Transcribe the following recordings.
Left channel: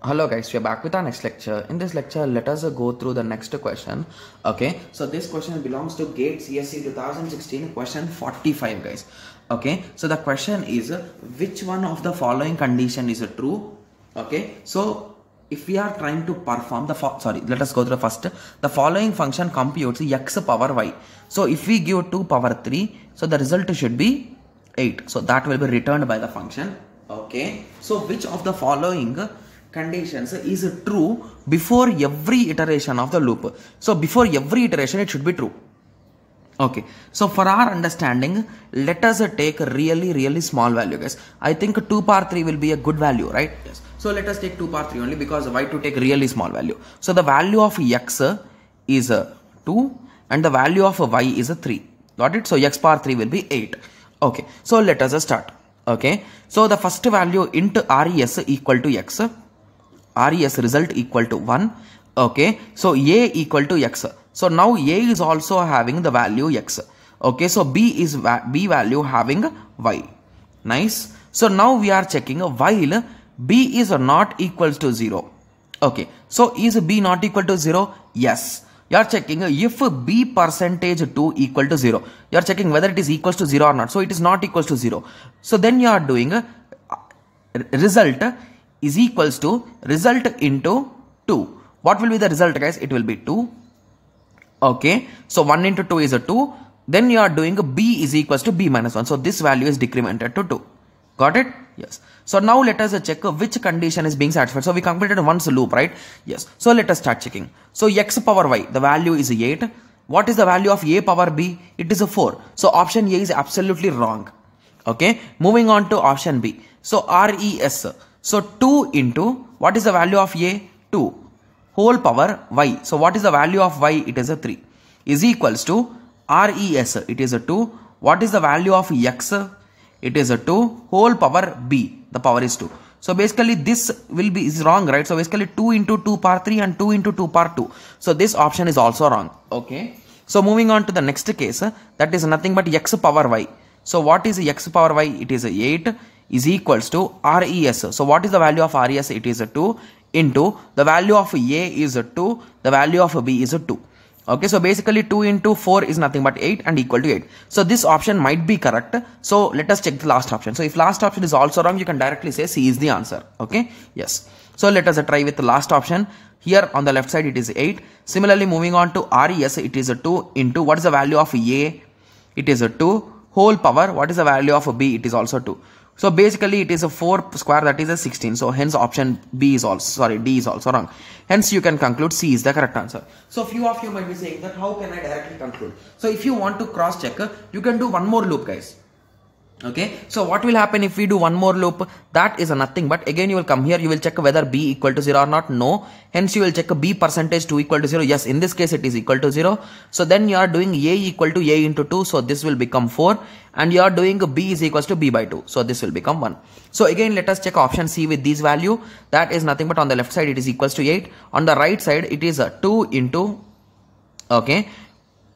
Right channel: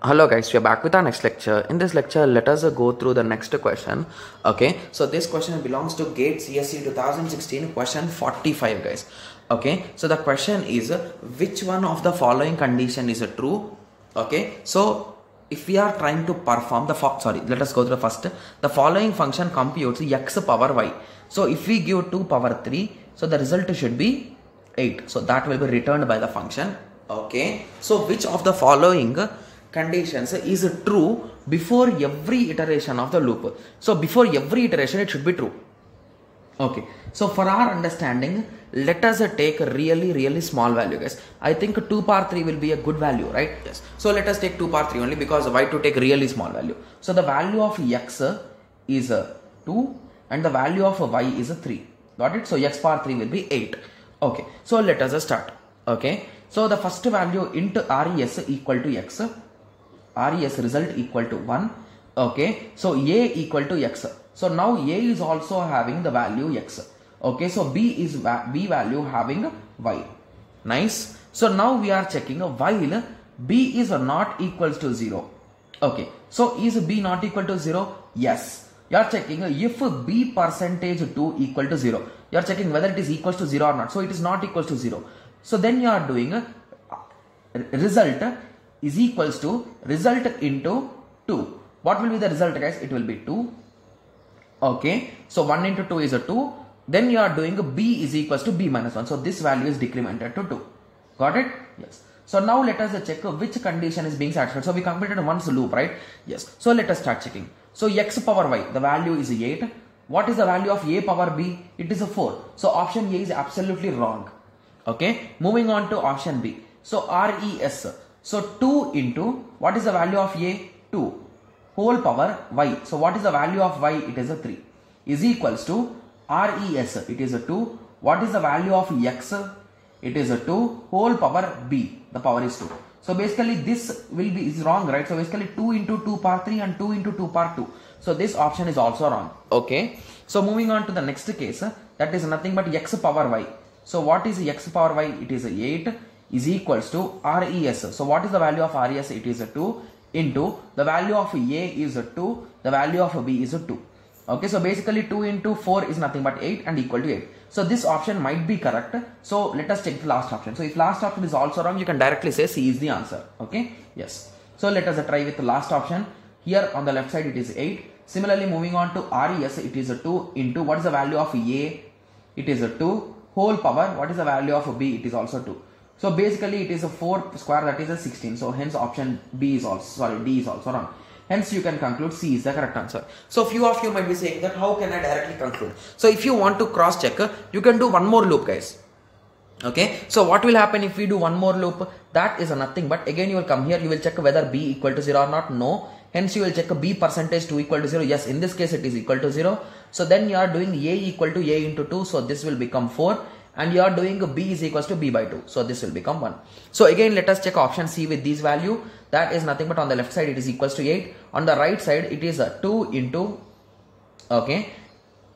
Hello guys, we are back with our next lecture. In this lecture, let us go through the next question. Okay, so this question belongs to GATE CSE 2016 question 45 guys. Okay, so the question is which one of the following condition is true? Okay, so if we are trying to perform let us go to the first. The following function computes x power y. So if we give 2 power 3, so the result should be 8. So that will be returned by the function. Okay, so which of the following conditions is true before every iteration of the loop? So before every iteration it should be true. Okay, so for our understanding, let us take a really small value guys. I think 2 power 3 will be a good value, right? Yes. So let us take 2 power 3 only, because why to take really small value? So the value of x is 2 and the value of y is 3. Got it? So x power 3 will be 8. Okay, so let us start. Okay, so the first value into res equal to x. Res result equal to 1. Okay, so a equal to x. So now a is also having the value x. Okay, so b is b value having y. Nice. So now we are checking while b is not equals to 0. Okay, so is b not equal to 0? Yes. You are checking if b percentage 2 equal to 0. You are checking whether it is equals to 0 or not. So it is not equals to 0. So then you are doing result is equals to result into 2. What will be the result guys? It will be 2. Okay, so 1 into 2 is a 2. Then you are doing b is equals to b minus 1. So this value is decremented to 2. Got it? Yes. So now let us check which condition is being satisfied. So we completed once loop, right? Yes. So let us start checking. So x power y, the value is 8. What is the value of a power b? It is a 4. So option A is absolutely wrong. Okay. Moving on to option B. So res. So 2 into, what is the value of a? 2. Whole power y. So what is the value of y? It is a 3. Is equals to res. It is a 2. What is the value of x? It is a 2. Whole power b. The power is 2. So basically this will be is wrong, right? So basically 2 into 2 power 3 and 2 into 2 power 2. So this option is also wrong. Okay. So moving on to the next case, that is nothing but x power y. So what is x power y? It is 8 is equals to res. So what is the value of res? It is a 2 into the value of a is a 2, the value of b is a 2. Okay, so basically 2 into 4 is nothing but 8 and equal to 8. So this option might be correct. So let us check the last option. So if last option is also wrong, you can directly say C is the answer. Okay, yes. So let us try with the last option. Here on the left side it is 8. Similarly moving on to res, it is a 2 into, what is the value of a? It is a 2 whole power, what is the value of b? It is also 2. So basically it is a 4 square, that is a 16. So hence option B is also, D is also wrong. Hence you can conclude C is the correct answer. So few of you might be saying that how can I directly conclude? So if you want to cross check, you can do one more loop guys. Okay, so what will happen if we do one more loop? That is nothing but again you will come here, you will check whether b equal to 0 or not. No. Hence you will check b percentage 2 equal to 0. Yes, in this case it is equal to 0. So then you are doing a equal to a into 2. So this will become 4. And you are doing b is equals to b by 2. So this will become 1. So again let us check option C with this value. That is nothing but on the left side it is equals to 8. On the right side it is 2 into, okay,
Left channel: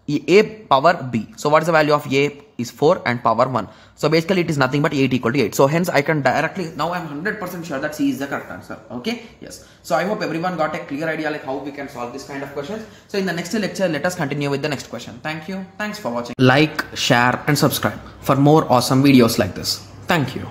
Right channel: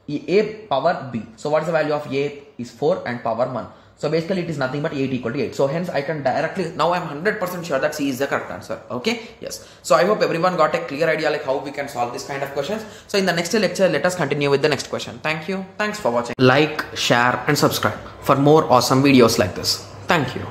a power b. So what is the value of a? Is 4 and power 1. So basically it is nothing but 8 equal to 8. So hence I can directly, now I am 100% sure that C is the correct answer. Okay, yes. So I hope everyone got a clear idea like how we can solve this kind of questions. So in the next lecture, let us continue with the next question. Thank you. Thanks for watching. Like, share and subscribe for more awesome videos like this. Thank you.